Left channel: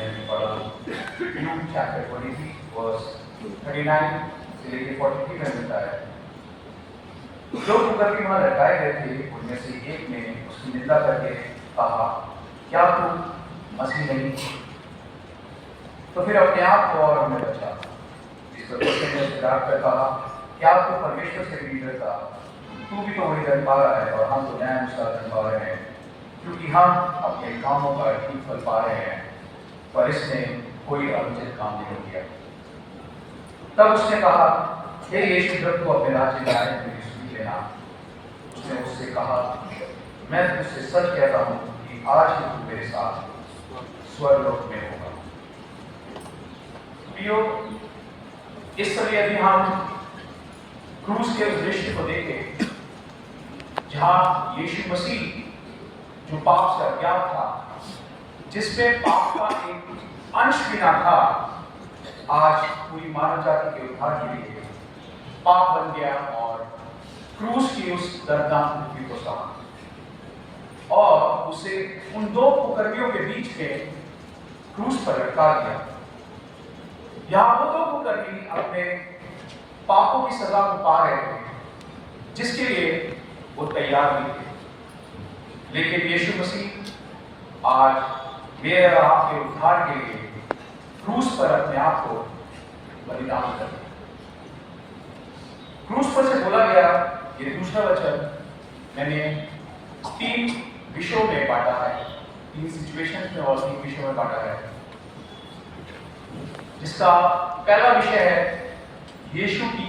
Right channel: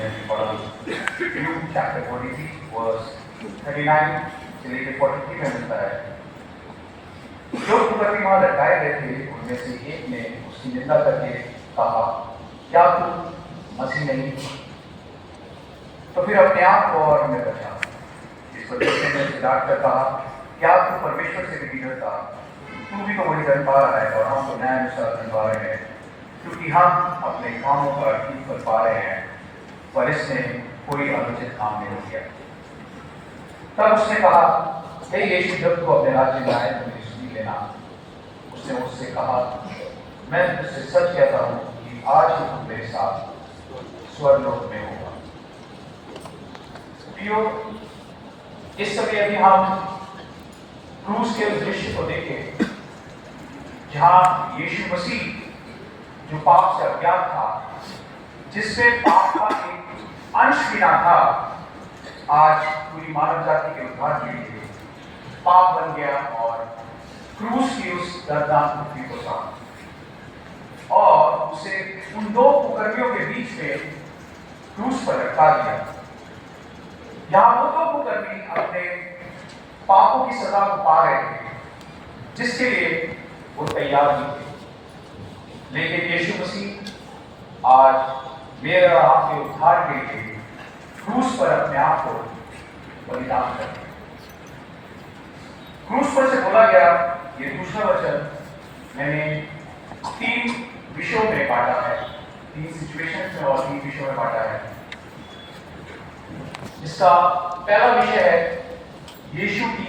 में पढ़ा Luke chapter 23 verse 39 से लेकर 43 में मिलता है। जो कुकर्मी वहां लटकाए गए थे उनमें से एक ने उसकी निंदा करके कहा, क्या तू मसीह नहीं? तो फिर अपने आप को और हमें बचा। इस वजह से सिद्धार्थ कर कहा, क्या तू परमेश्वर से भी डरता? तू भी तो वही दंड पा रहा है और हम तो न्याय अनुसार दंड पा रहे हैं, क्योंकि हम अपने कामों का ठीक फल पा रहे हैं, पर इसने कोई अनुचित काम नहीं किया। तब उसने कहा, हे यीशु, जब तू अपने राज्य में आए तो मुझे सुन लेना। उसने उससे कहा, मैं तुझसे सच कहता हूँ कि आज ही तू मेरे साथ स्वर्गलोक में होगा। प्रियो, इस समय यदि हम क्रूस के उस दृश्य को देखें जहां यीशु मसीह जो पाप से अज्ञात था, जिसमें पाप का एक अंश भी ना था, आज पूरी मानव जाति के उद्धार के लिए पाप बन गया और क्रूस की उस दर्दनाक मृत्यु को सहा और उसे उन दो कुकर्मियों के बीच में क्रूस पर रखा दिया। यहां वो दो कुकर्मी अपने पापों की सजा को पा रहे थे, जिसके लिए वो तैयार नहीं थे, लेकिन यीशु मसीह आज मेरे और आपके उद्धार के लिए क्रूस पर अपने आप को बलिदान कर दिया। क्रूस पर से बोला गया ये दूसरा वचन मैंने 3 विषयों में बांटा है, 3 सिचुएशन में और 3 विषयों में बांटा है। जिसका पहला विषय है यीशु की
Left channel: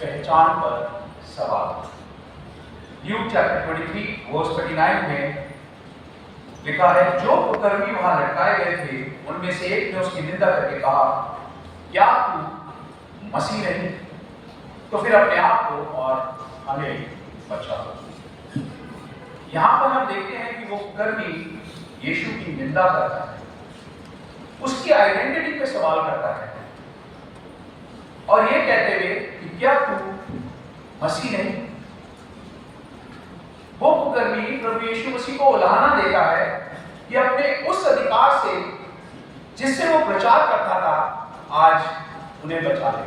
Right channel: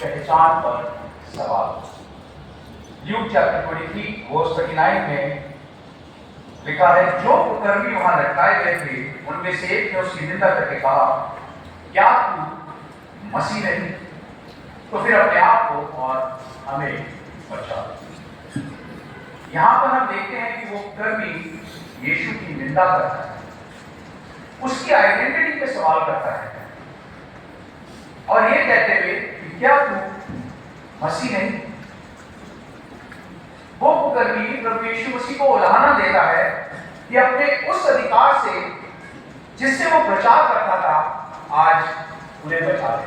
पहचान पर सवाल। ल्यूक चैप्टर 23 वर्स 39 में लिखा है, जो कुकर्मी वहां लटकाए गए थे उनमें से एक ने उसकी निंदा करके कहा, क्या तू मसीह नहीं? तो फिर अपने आप को और हमें बचा। यहां पर हम देखते हैं कि वो कुकर्मी यीशु की निंदा करता है, उसकी आइडेंटिटी पे सवाल करता है और ये कहते हुए कि क्या तू मसीह नहीं? वो कुकर्मी प्रभु यीशु मसीह को उलाहना देता है कि अपने उस अधिकार से जिससे वो प्रचार करता था, आज उन्हें बचा ले।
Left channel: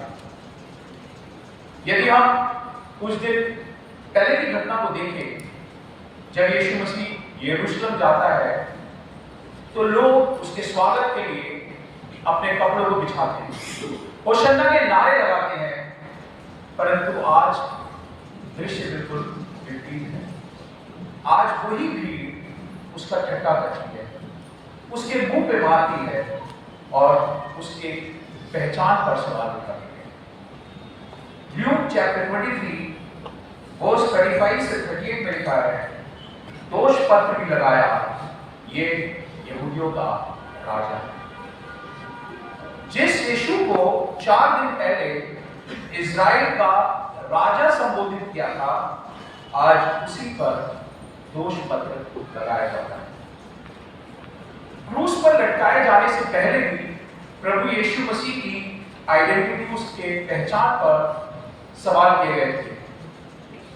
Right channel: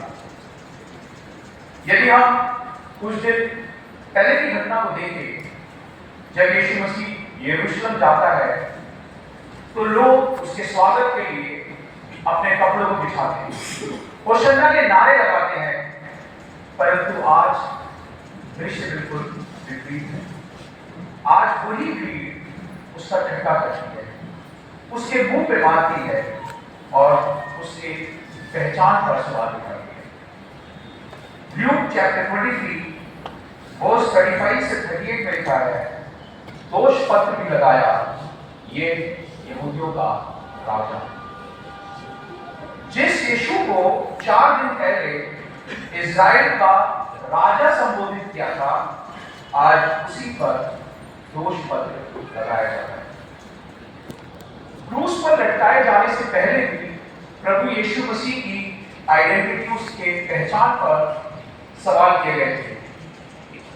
यदि हम कुछ दिन पहले की घटना को देखें, जब यीशु मसीह यरूशलेम जाता है तो लोग उसके स्वागत के लिए अपने कपड़ों को बिछाते हैं, होशन्ना के नारे लगाते हैं, परंतु आज दृश्य बिल्कुल विपरीत है। आज वही भीड़ उसका ठट्ठा करती है, उसके मुंह पे मारती है और उसके पहचान पर सवाल उठाती है। ल्यूक चैप्टर 23 वर्स 35 से 38 में लिखा है, दोष पत्र भी लगाया, ये यहूदियों का राजा। जिस यीशु को 4 दिन पहले इज़राइल का राजा संबोधित किया था, आज उसी पर दोष पत्र लगाया जाता है। क्रूस पर लटकाए जाने से पहले भी प्रभु यीशु मसीह की आइडेंटिटी, उसके पहचान पर सवाल किए गए थे।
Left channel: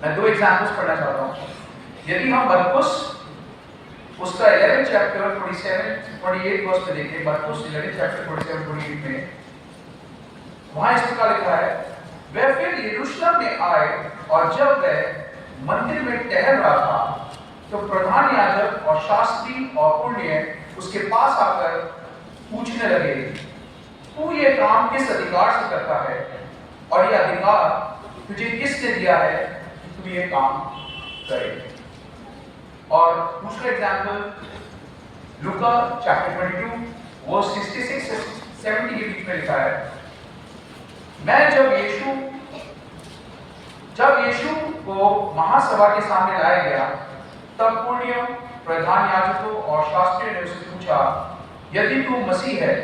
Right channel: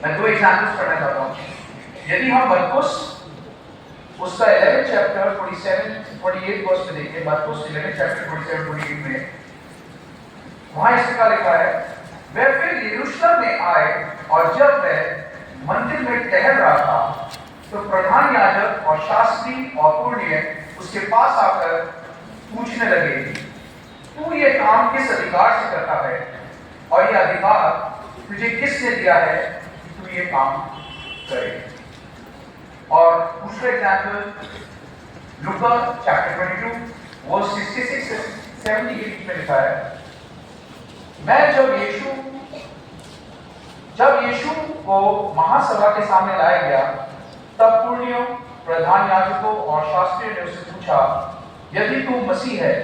मैं 2 एग्जाम्पल्स पढ़ना चाहता हूं। यदि हम मरकुस उसका 11 चैप्टर 47-48 वर्स में देखें, मरकुस 11 चैप्टर 47-48 में वहां इस प्रकार लिखा है, वह फिर यरूशलेम में आए और जब वह मंदिर में टहल रहा था तो प्रधान याजक और शास्त्री और पुण्य उसके पास आकर पूछने लगे, तू ये काम किस अधिकार से करता है और ये अधिकार तुझे किसने दिया है कि तू ये काम करे? और दूसरा एग्जाम्पल लूका चैप्टर 22 वर्स 66 से 70 के बीच में लिखा है, मैं जब यीशु को महासभा के सामने लाया गया, तब पुण्यों, प्रधान याजकों और शास्त्रियों ने उससे पूछा, यदि तू मसीह है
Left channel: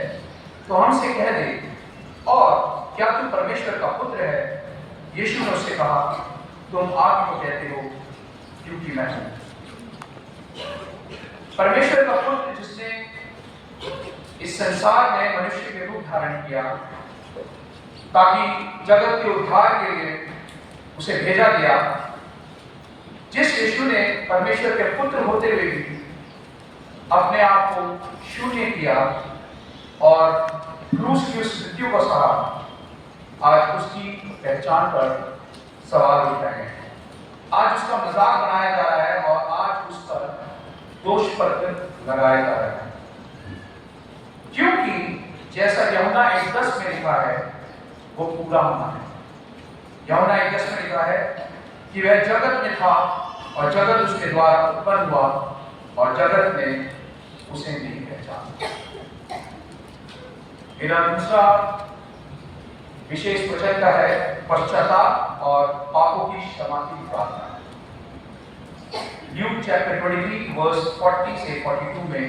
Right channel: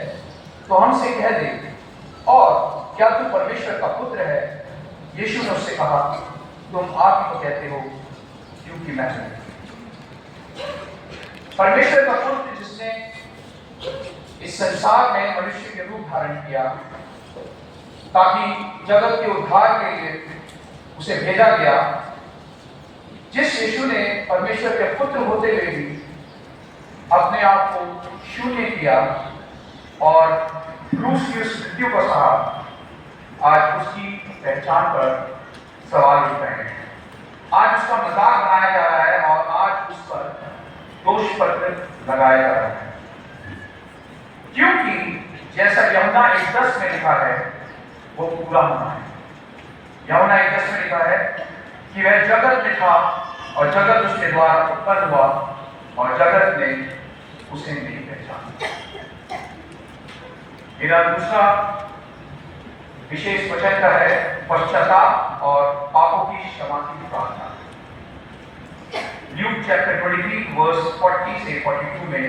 तो हमसे कह दे, और क्या तू परमेश्वर का पुत्र है? यीशु ने उससे कहा, तुम आप ही तो कहते हो, क्योंकि मैं हूं। परमेश्वर का पुत्र जिसने इस संसार में मनुष्य के रूप धारण किया ताकि जगत के उद्धार के लिए उसे भेजा गया, जिस यीशु ने परमेश्वर के पुत्र होते हुए भी अपने आप को शून्य किया, और क्रूस की उस मृत्यु को सहा, आज उसकी पहचान पर सवाल उठ रहे हैं। आज उसका मजाक बनाया जा रहा है और आज उस पर दोष पत्र लगाया जा रहा है, क्योंकि जैसा यूहन्ना 1:10 में लिखा है वो पूरा होना है। यूहन्ना 1:10 में लिखा है कि वह जगत में था और जगत उसके द्वारा उत्पन्न हुआ और जगत ने उसे नहीं पहचाना। मेरा दूसरा विशेष वचन का है पश्चाताप और पापों की क्षमा की प्रार्थना। ल्यूक चैप्टर 23 वर्स 40 से 42 में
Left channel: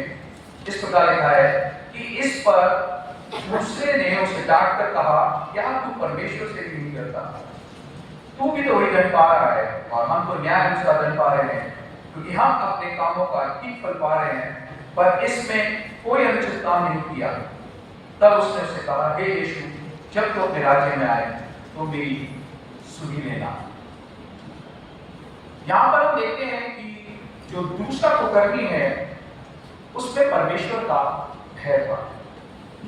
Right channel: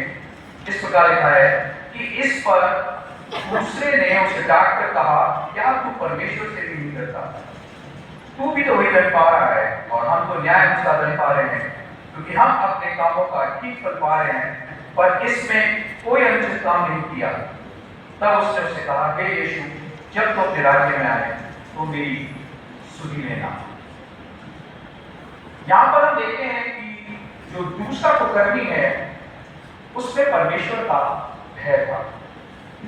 इस प्रकार लिखा है कि इस पर दूसरे ने उसे डांट कर कहा, क्या तू परमेश्वर से भी नहीं डरता? तू भी तो वही दंड पा रहा है और हम तो न्याय अनुसार दंड पा रहे हैं, क्योंकि हम अपने कामों का ठीक फल पा रहे हैं, पर इसमें कोई अनुचित काम नहीं किया। तब उसने उसे कहा, हे यीशु, जब तू अपने राज्य में आए तो मेरी सुधि लेना। यहां पर हम देखते हैं कि जो दूसरा कुकर्मी है उसमें परमेश्वर का भय था,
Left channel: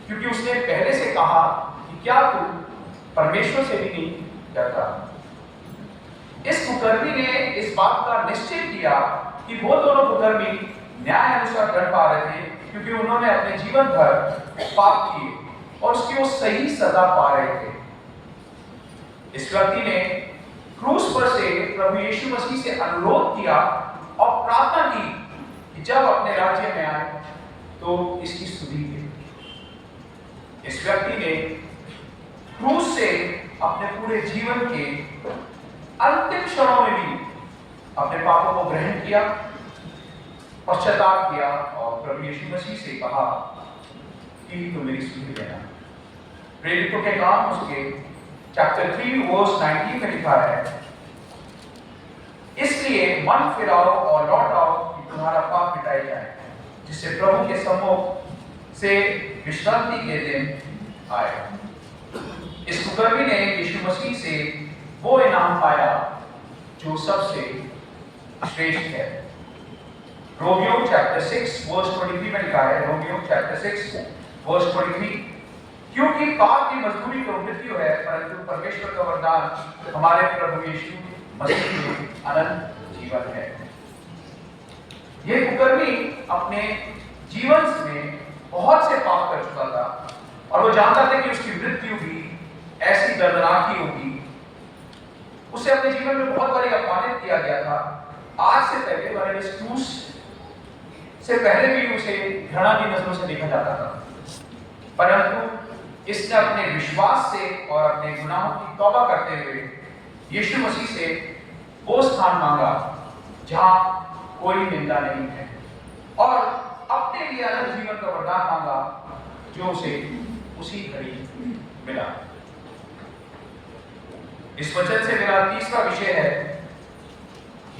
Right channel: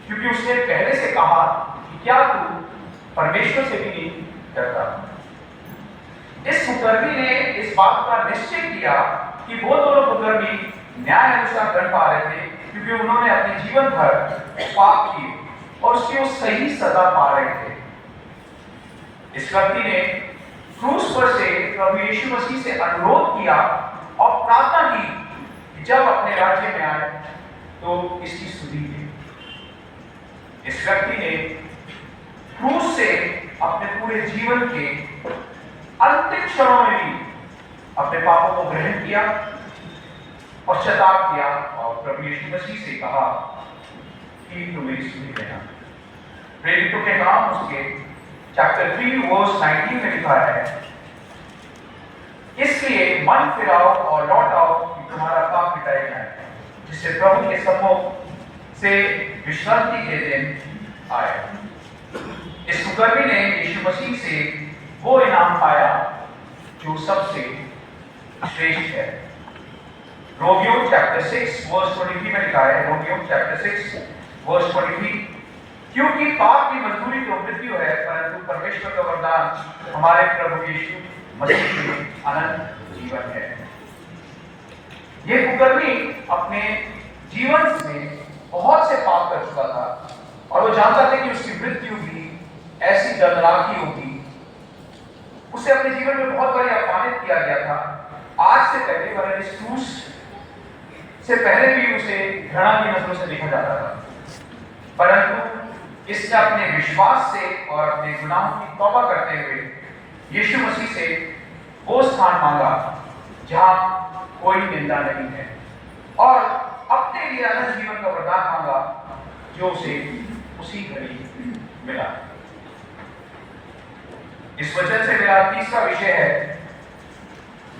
क्योंकि उसने पहले से कहा कि क्या तू परमेश्वर से भी नहीं डरता। इस कुकर्मी ने इस बात का निश्चय किया कि वो दोनों कुकर्मी न्याय अनुसार दंड पा रहे थे, क्योंकि उन्होंने अपने जीवन भर पाप किए और उसकी वो सही सजा पा रहे थे। इस व्यक्ति ने क्रूस पर से प्रभु यीशु मसीह से अनुरोध किया और प्रार्थना की कि जब अपने राज्य में आए तो इसकी स्तुति की। इस व्यक्ति ने क्रूस से अपने पूरे जीवन के अंतिम क्षणों में भी अपने पापों को ग्रहण किया, पश्चाताप किया और प्रभु यीशु मसीह से कहा कि तू मेरी स्तुति करना। प्रेरितों के काम उसके चैप्टर 3 वर्स 19 में लिखा है, इसलिए मन फिराओ और लौट आओ कि तुम्हारा पाप मिटाए जाए, जिससे प्रभु के सम्मुख से विश्रांति के दिन आए। इस कुकर्मी ने यीशु मसीह से वो इनाम पाया जो सबसे श्रेष्ठ है। रोमियो चैप्टर 6 वर्स 23 में लिखा है, रोमियो चैप्टर 6 वर्स 23, क्योंकि पाप की मजदूरी तो मृत्यु है, परंतु परमेश्वर का वरदान हमारे प्रभु यीशु मसीह के अनंत जीवन है। ये कुकर्मी अपने जीवन में बहुत से पाप कर चुका था और वो जानता था कि उसकी मृत्यु भी ऐसी दर्दनाक ही होगी। उसे अपने जीवन में बहुत बार अपमानित किया गया था। आज से पहले वरन इस क्रूस से पहले भी उसे घृणा की नजरों से देखा जाता था, परंतु इसने अपने विश्वास से और अपने गुनाहों की तौबा करते हुए यीशु मसीह से वो स्थान मांगा जहां कोई निंदा नहीं है और अपने लिए अनंत जीवन का वरदान मांगा जो उसे उसी घड़ी मिला। इस वचन से मेरा तीसरा विषय है,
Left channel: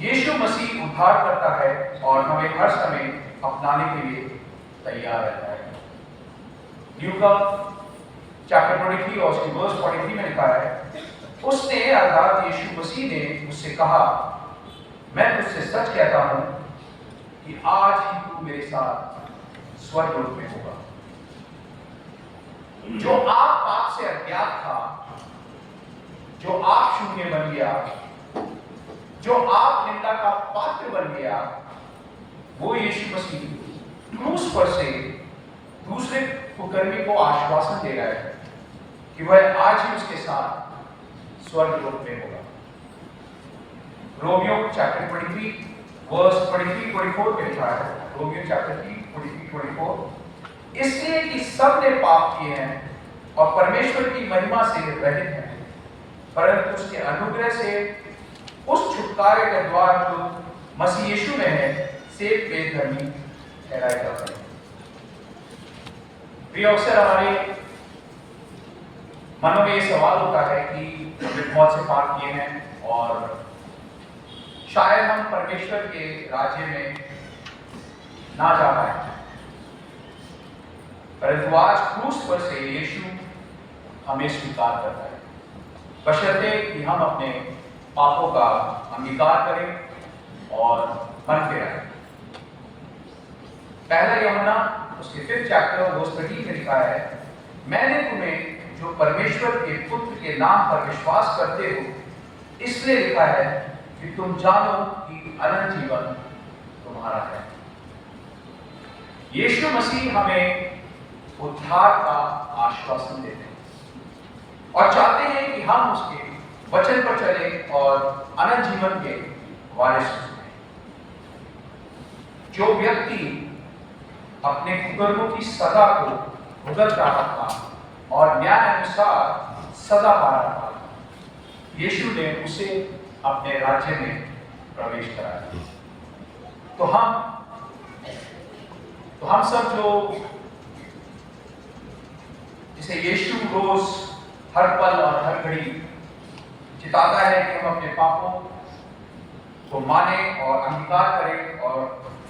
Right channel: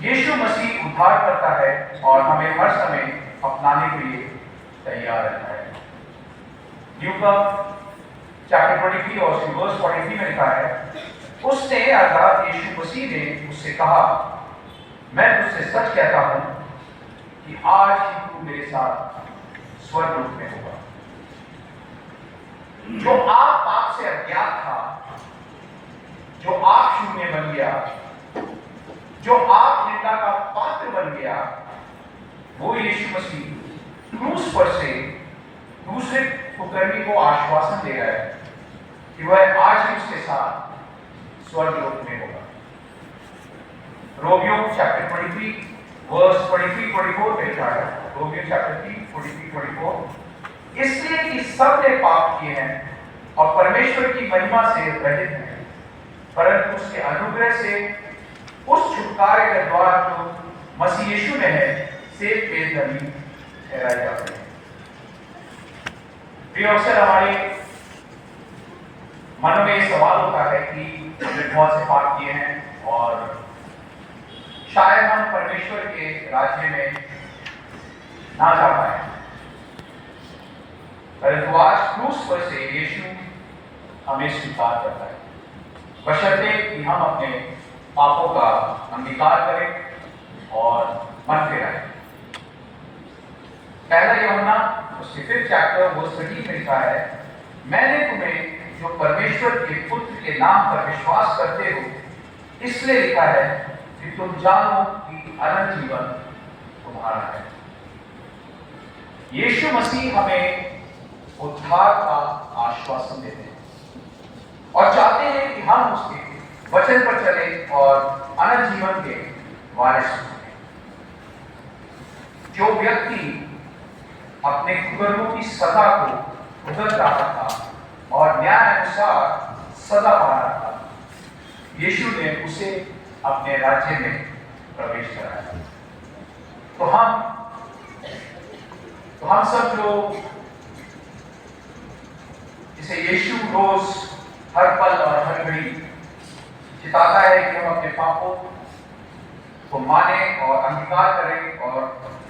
यीशु मसीह उद्धार करता है और हमें हर समय अपनाने के लिए तैयार रहता है। यूका चैप्टर 23 और वर्स 43 में लिखा है, उसने अर्थात यीशु मसीह ने उससे कहा, मैं तुझसे सच कहता हूं कि आज ही तू मेरे साथ स्वर्गलोक में होगा। जो आप पाप से अज्ञात था, जो आप शून्य बन गया, जो आप निंदा का पात्र बन गया, वो यीशु मसीह क्रूस पर से दूसरे कुकर्मी को आश्वासन दे रहा है कि वह आज ही उसके साथ स्वर्गलोक में होगा। रोमियो चैप्टर 23 वर्स 23-24 में लिखा है, रोमियो चैप्टर 3 43-24, इसलिए कि सब ने पाप किए हैं और परमेश्वर की महिमा से रहित हैं, परंतु उसके अनुग्रह से उस छुटकारे का द्वार जो मसीह यीशु में है से बेधर्मी ठहराए जाते हैं। भी अक्सर हमारे मन में ये सवाल होता है कि हमने बहुत से पाप किए हैं और शायद हम परमेश्वर के राज्य में ना जा पाए, परंतु आज क्रूस पर से यीशु हमें स्वीकार करता है, बशर्ते कि हम अपने पापों का अंगीकार करें और मन फेराएं। पहला यूहन्ना उसके 5th चैप्टर वर्स 13 में लिखा है, मैंने तुम्हें जो परमेश्वर के पुत्र के नाम पर विश्वास करते हो इसलिए लिखा है कि तुम जानो कि अनंत जीवन तुम्हारा है। यीशु मसीह हमें उद्धार का आश्वासन देते हैं और चाहते हैं कि हम उसके वचन पर चलें और अनंत जीवन के वारिस बनें। जो व्यक्ति अपने कुकर्मों की सजा को भुगत रहा था और न्याय अनुसार सजा पा रहा था, यीशु ने उसे अपने राज्य में प्रवेश कराया। तो हम सब जो जिसे यीशु रोज हर पल और हर घड़ी चिताता है कि हम अपने पापों को माने और अंगीकार करें और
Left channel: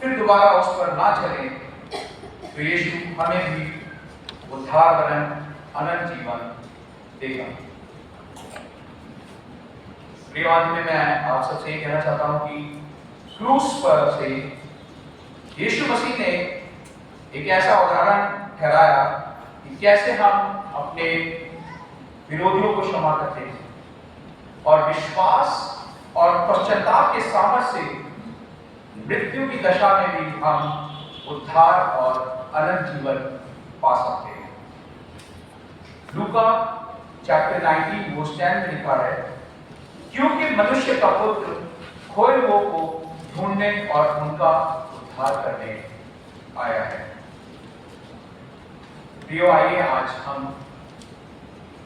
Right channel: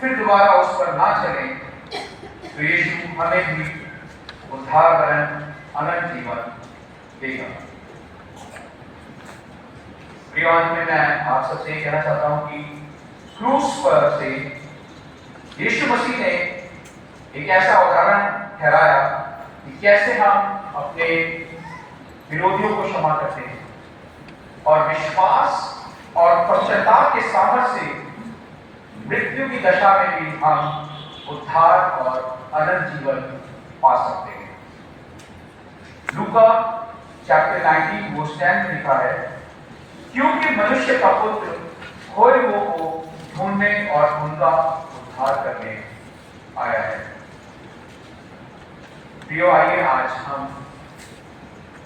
फिर दोबारा उस पर ना चलें, तो यीशु हमें भी उद्धार वरन अनंत जीवन देगा। प्रियवान में मैं आप सबसे ये कहना चाहता हूं कि क्रूस पर से यीशु मसीह ने एक ऐसा उदाहरण ठहराया कि कैसे हम अपने विरोधियों को क्षमा करते हैं और विश्वास और पश्चाताप के सामर्थ्य से मृत्यु की दशा में भी हम उद्धार और अनंत जीवन पा सकते हैं। लूका चैप्टर 19 वर्स 10 में लिखा है, क्योंकि मनुष्य का पुत्र खोए हुओं को ढूंढने और उनका उद्धार करने आया है। प्रियो, आइए आज हम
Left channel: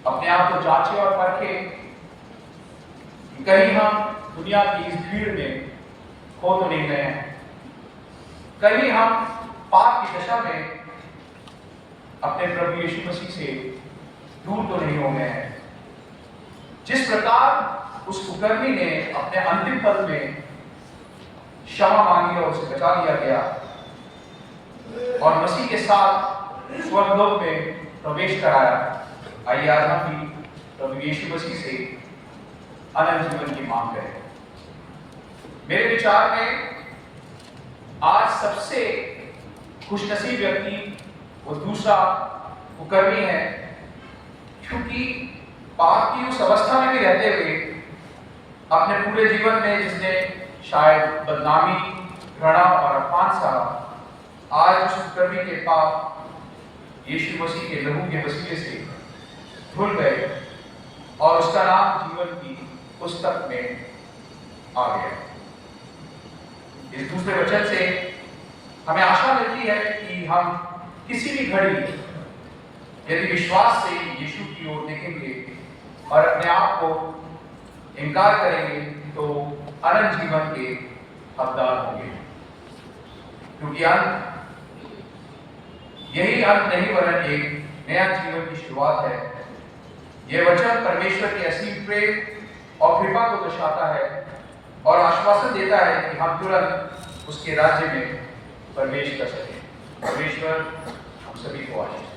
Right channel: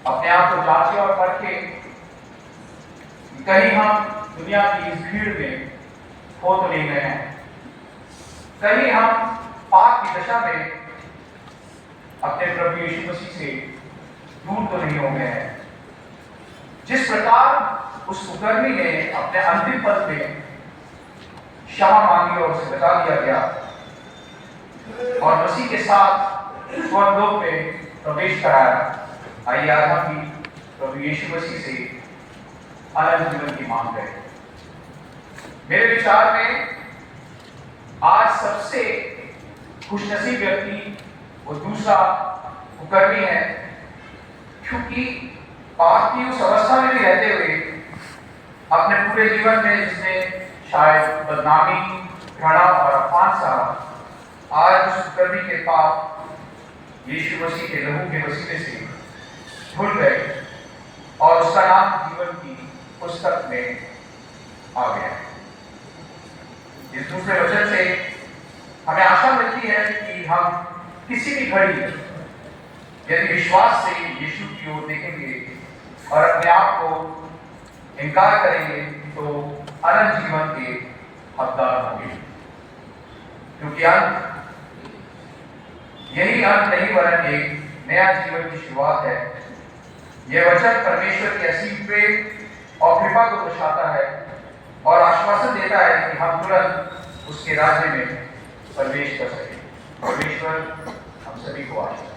अपने आप को जांचें और परखें, कहीं हम दुनिया की इस भीड़ में खो तो नहीं गए हैं, कहीं हम पाप की दशा में अपने प्रभु यीशु मसीह से दूर तो नहीं हो गए हैं। जिस प्रकार उस कुकर्मी ने अपने अंतिम पद में क्षमा मांगी और उसे बचा लिया गया और मसीह के साथ स्वर्गलोक में प्रवेश कराया, आइए आज हम भी प्रभु यीशु मसीह से अनंत जीवन की मांग करें। मेरे विचार में आज सबसे खुशनसीब व्यक्ति वो दूसरा कुकर्मी है, क्योंकि पाप की उस अवस्था में भी रहते हुए अपने पूरे जीवन में जिसने शायद बदनामी, घृणा और अपमान सहा, आज उस कुकर्मी के पाप यीशु मसीह के लहू के वसीले से धुल गए और उसका नाम जीवन की पुस्तक में आ गया। इस दूसरे वचन से हमें आशा मिलती है कि हम किसी भी घड़ी यदि विश्वास से यीशु की ओर देखेंगे और अपने आप को इनकार करेंगे तो अनंत जीवन के हकदार होंगे, क्योंकि अंत यही अंत नहीं वरन एक नया जीवन की शुरुआत है। यह वचन परमेश्वर की असीम प्रेम और कृपा को दर्शाता है और आश्वासन देता है कि हम तुरंत उसके राज्य में प्रवेश कर सकें। परमेश्वर हम सभी को आशीष